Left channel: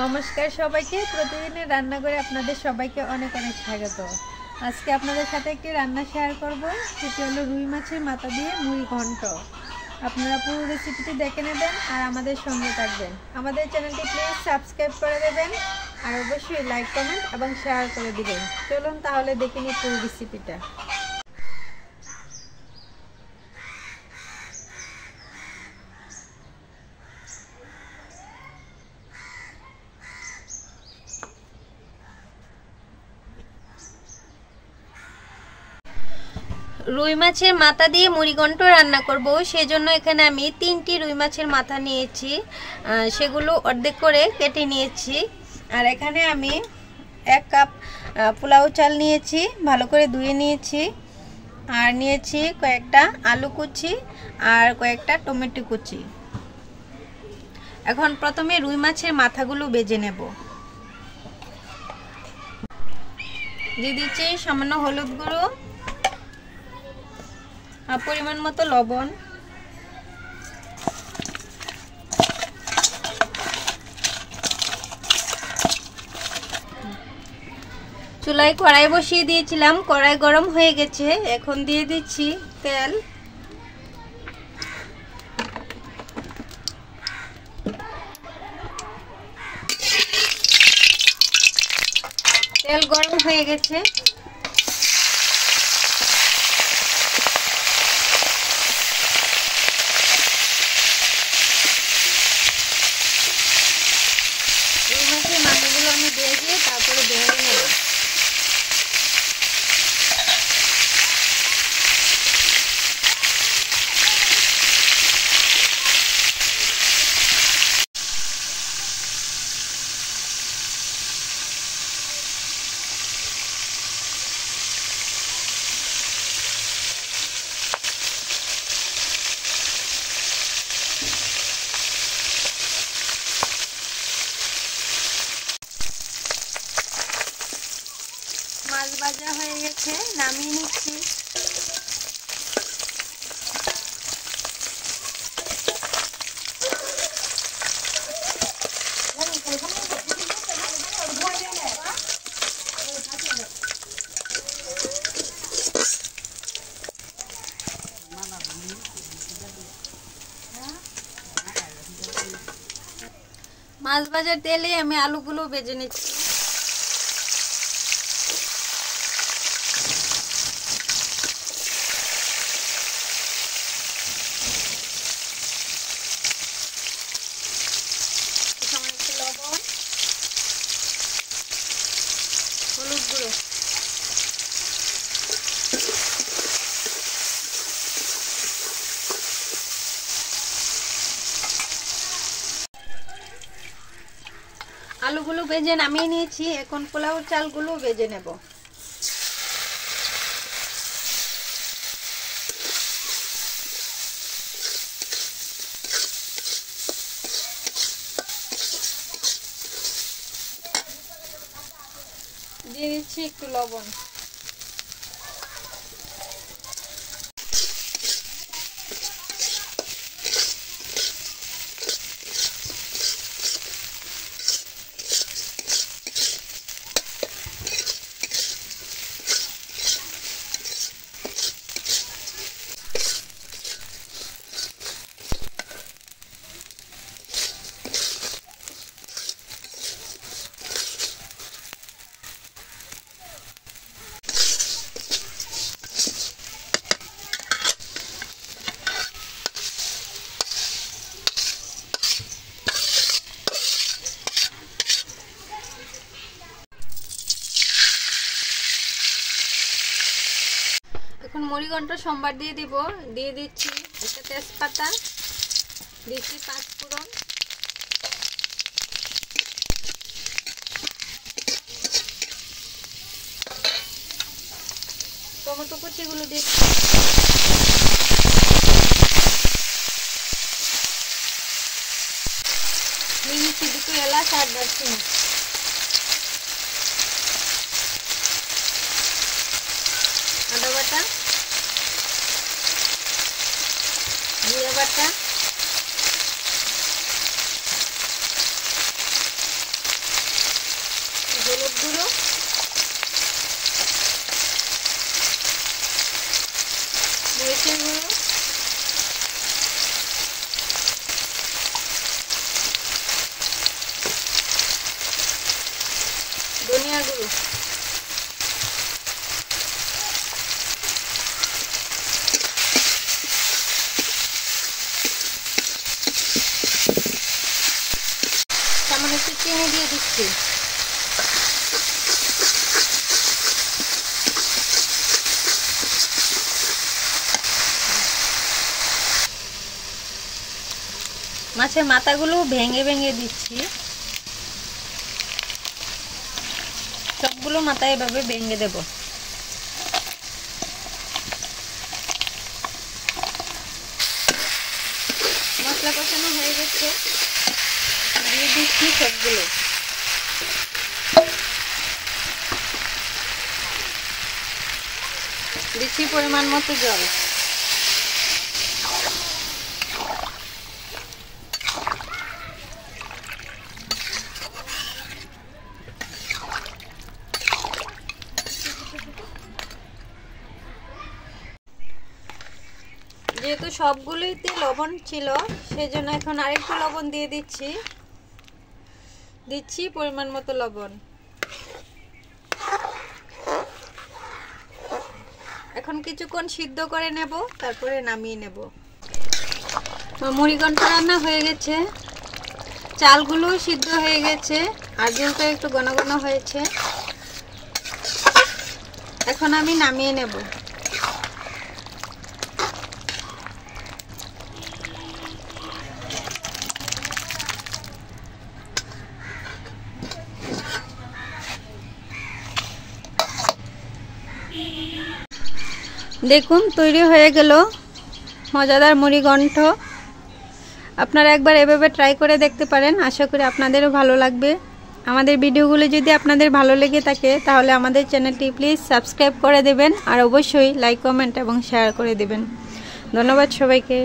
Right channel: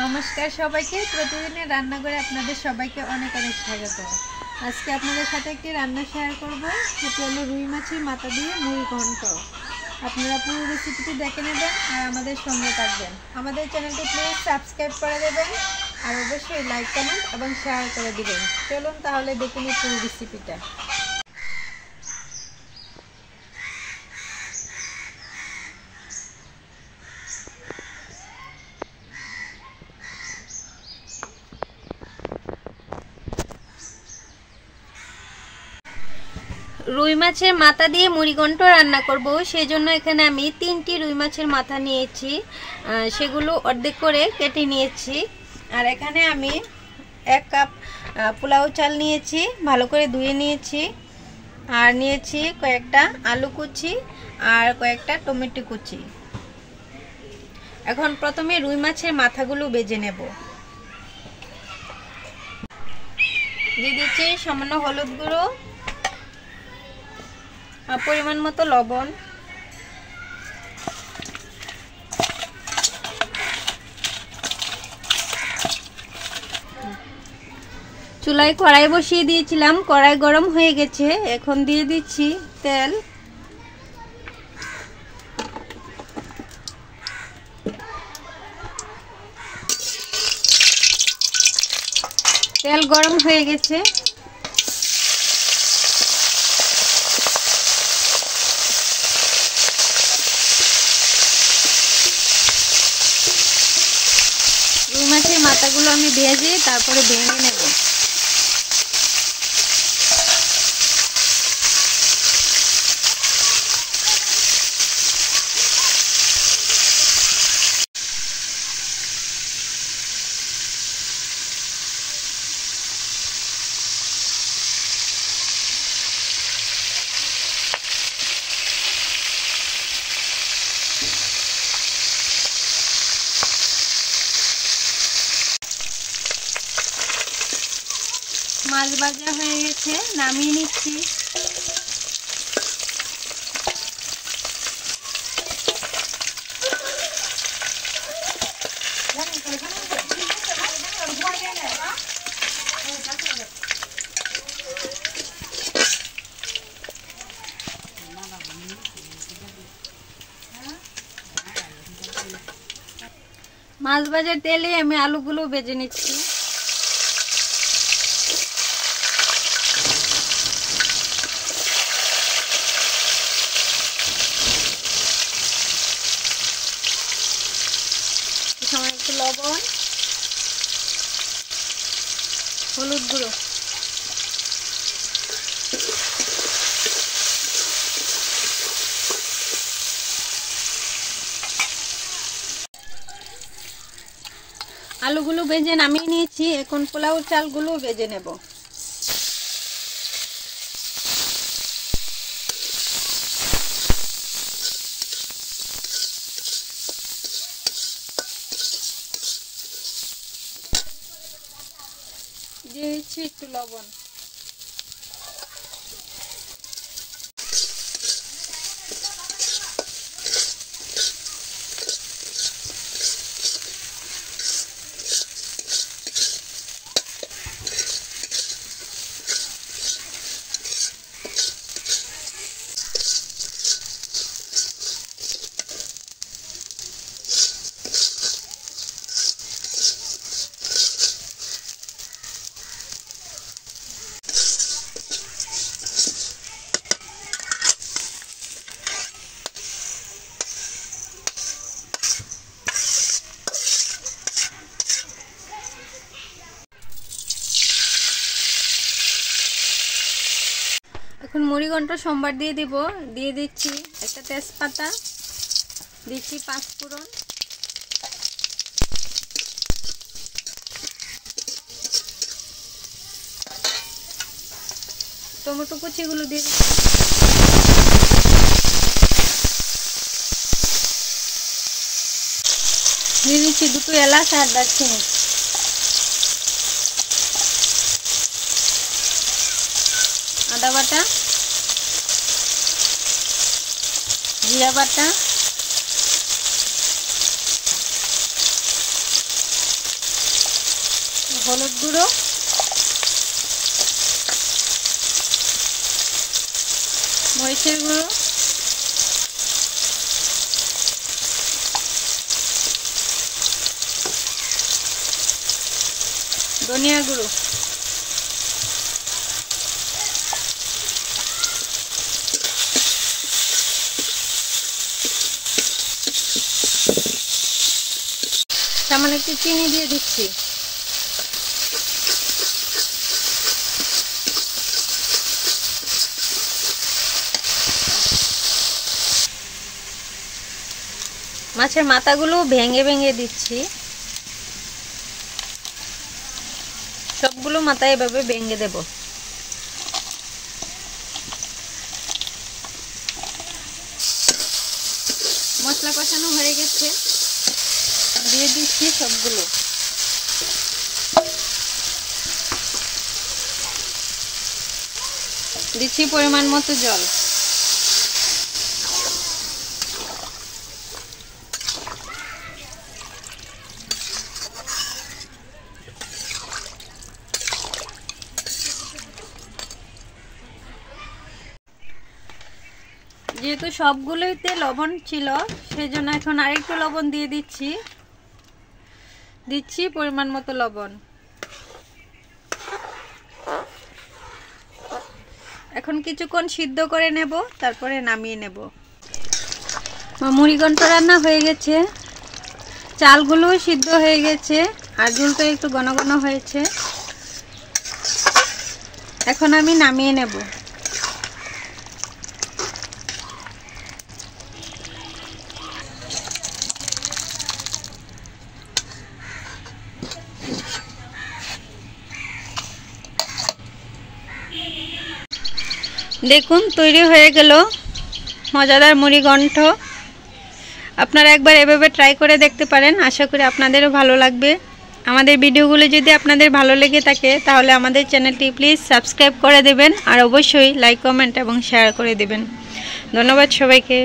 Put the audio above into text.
নমস্কার সবাইকে। প্রতিদিনের রান্নাঘরে আপনাদের সবাইকে অনেক অনেক স্বাগত। আজকে আপনাদের সাথে একটি রান্না শেয়ার করব, সেটি হলো রুই মাছের মাথা দিয়ে মুড়ি ঘন্ট। আপনারা পুরো রেসিপিটি দেখে নেবেন আর আমাদের সঙ্গে থাকবেন। আমাদের চ্যানেলটি প্লিজ সাবস্ক্রাইব করে দেবেন আর অবশ্যই লাইক, কমেন্ট এবং শেয়ার করে দিবেন। চলুন তাহলে দেখে নিই পুরো রেসিপিটা। রুই মাছের মাথা দিয়ে মুড়িঘণ্ট রান্না করব, সেই জন্য এখানে আমি 3টি রুই মাছের মাথা নিয়েছি, সেগুলো অর্ধেক করে কেটে নিয়েছি। আর এখানে আমি 1 কাপ পোলাও চাল নিয়েছি, ভালো করে ধুয়ে নিয়েছি। আর নিয়েছি কয়েকটা আলু কুচি আর কয়েকটা টমেটো কুচি। এখন প্রথমে রুই মাছের মাথাগুলো ভেজে নেব। দিয়ে দিচ্ছি সামান্য হলুদ গুঁড়ো, পরিমাণ মতো লবণ, চুলায় কড়াই বসিয়ে দিয়েছিলাম, কড়াই গরম হয়ে গেছে। এখন দিয়ে দিচ্ছি তেল। তেল গরম হয়ে গেছে। এই মাছের মাথাগুলো আমি ভেজে তারপরে ভেঙে নেব। মাছ ভাজা হয়ে গেছে, নামিয়ে নিচ্ছি। মাছ ভাজার তেলে আমি আলুগুলো ভেজে নিচ্ছি। একটু লবণ, হলুদ গুঁড়ো, আলুগুলো ভেজে নামিয়ে নিয়েছি। এখন পোলাও চালগুলো ভেজে নেব। দিয়ে দিচ্ছি একটু লবণ। এখন মুড়িঘণ্ট সম্বার দিয়ে দিব। দিয়ে দিচ্ছি একটা তেজপাতা, দিচ্ছি 5 ফোড়ন, টমেটো কুচিগুলো দিয়ে দিচ্ছি 2 এলাচ আর দারচিনি। আদা বাটা, জিরা বাটা, হলুদ গুঁড়ো, মরিচের গুঁড়ো, ধনিয়া গুঁড়ো, সামান্য একটু চিনি দিয়ে দিচ্ছি। মাছের মাথাগুলো ভেঙে ভেঙে দিচ্ছি, সবগুলো মাথা এভাবে ভেঙে দেব। মশলা কষানো হয়ে গেছে, দিয়ে দিচ্ছি সবগুলো। দিচ্ছি পরিমাণ মতো জল। যেহেতু সবগুলোইতে লবণ ছিল, সেজন্য এখন আরেকটু লবণ দিয়ে দিচ্ছি পরিমাণ মতো লবণ। এখন কিছুক্ষণ সিদ্ধ করে নেব, তারপরে নামিয়ে নেব। মুড়িঘণ্ট রান্না হয়ে গেছে, চালগুলো সিদ্ধ হয়ে গেছে, আর ঝোলটা একটু ঘন ঘন হয়েছে। এখন আমি নামিয়ে নেব। দেখুন তৈরি হয়ে গেল মজাদার মুড়িঘণ্ট। আপনারা একবার এভাবে ট্রাই করে দেখতে পারেন, আশা করি আপনাদেরও ভালো লাগবে। আমাদের ভিডিওগুলো যদি আপনাদের ভালো লেগে থাকে তাহলে আমাদের চ্যানেলটি প্লিজ সাবস্ক্রাইব করে দেবেন, আর অবশ্যই লাইক, কমেন্ট এবং শেয়ার করে দেবেন। ধন্যবাদ সবাইকে।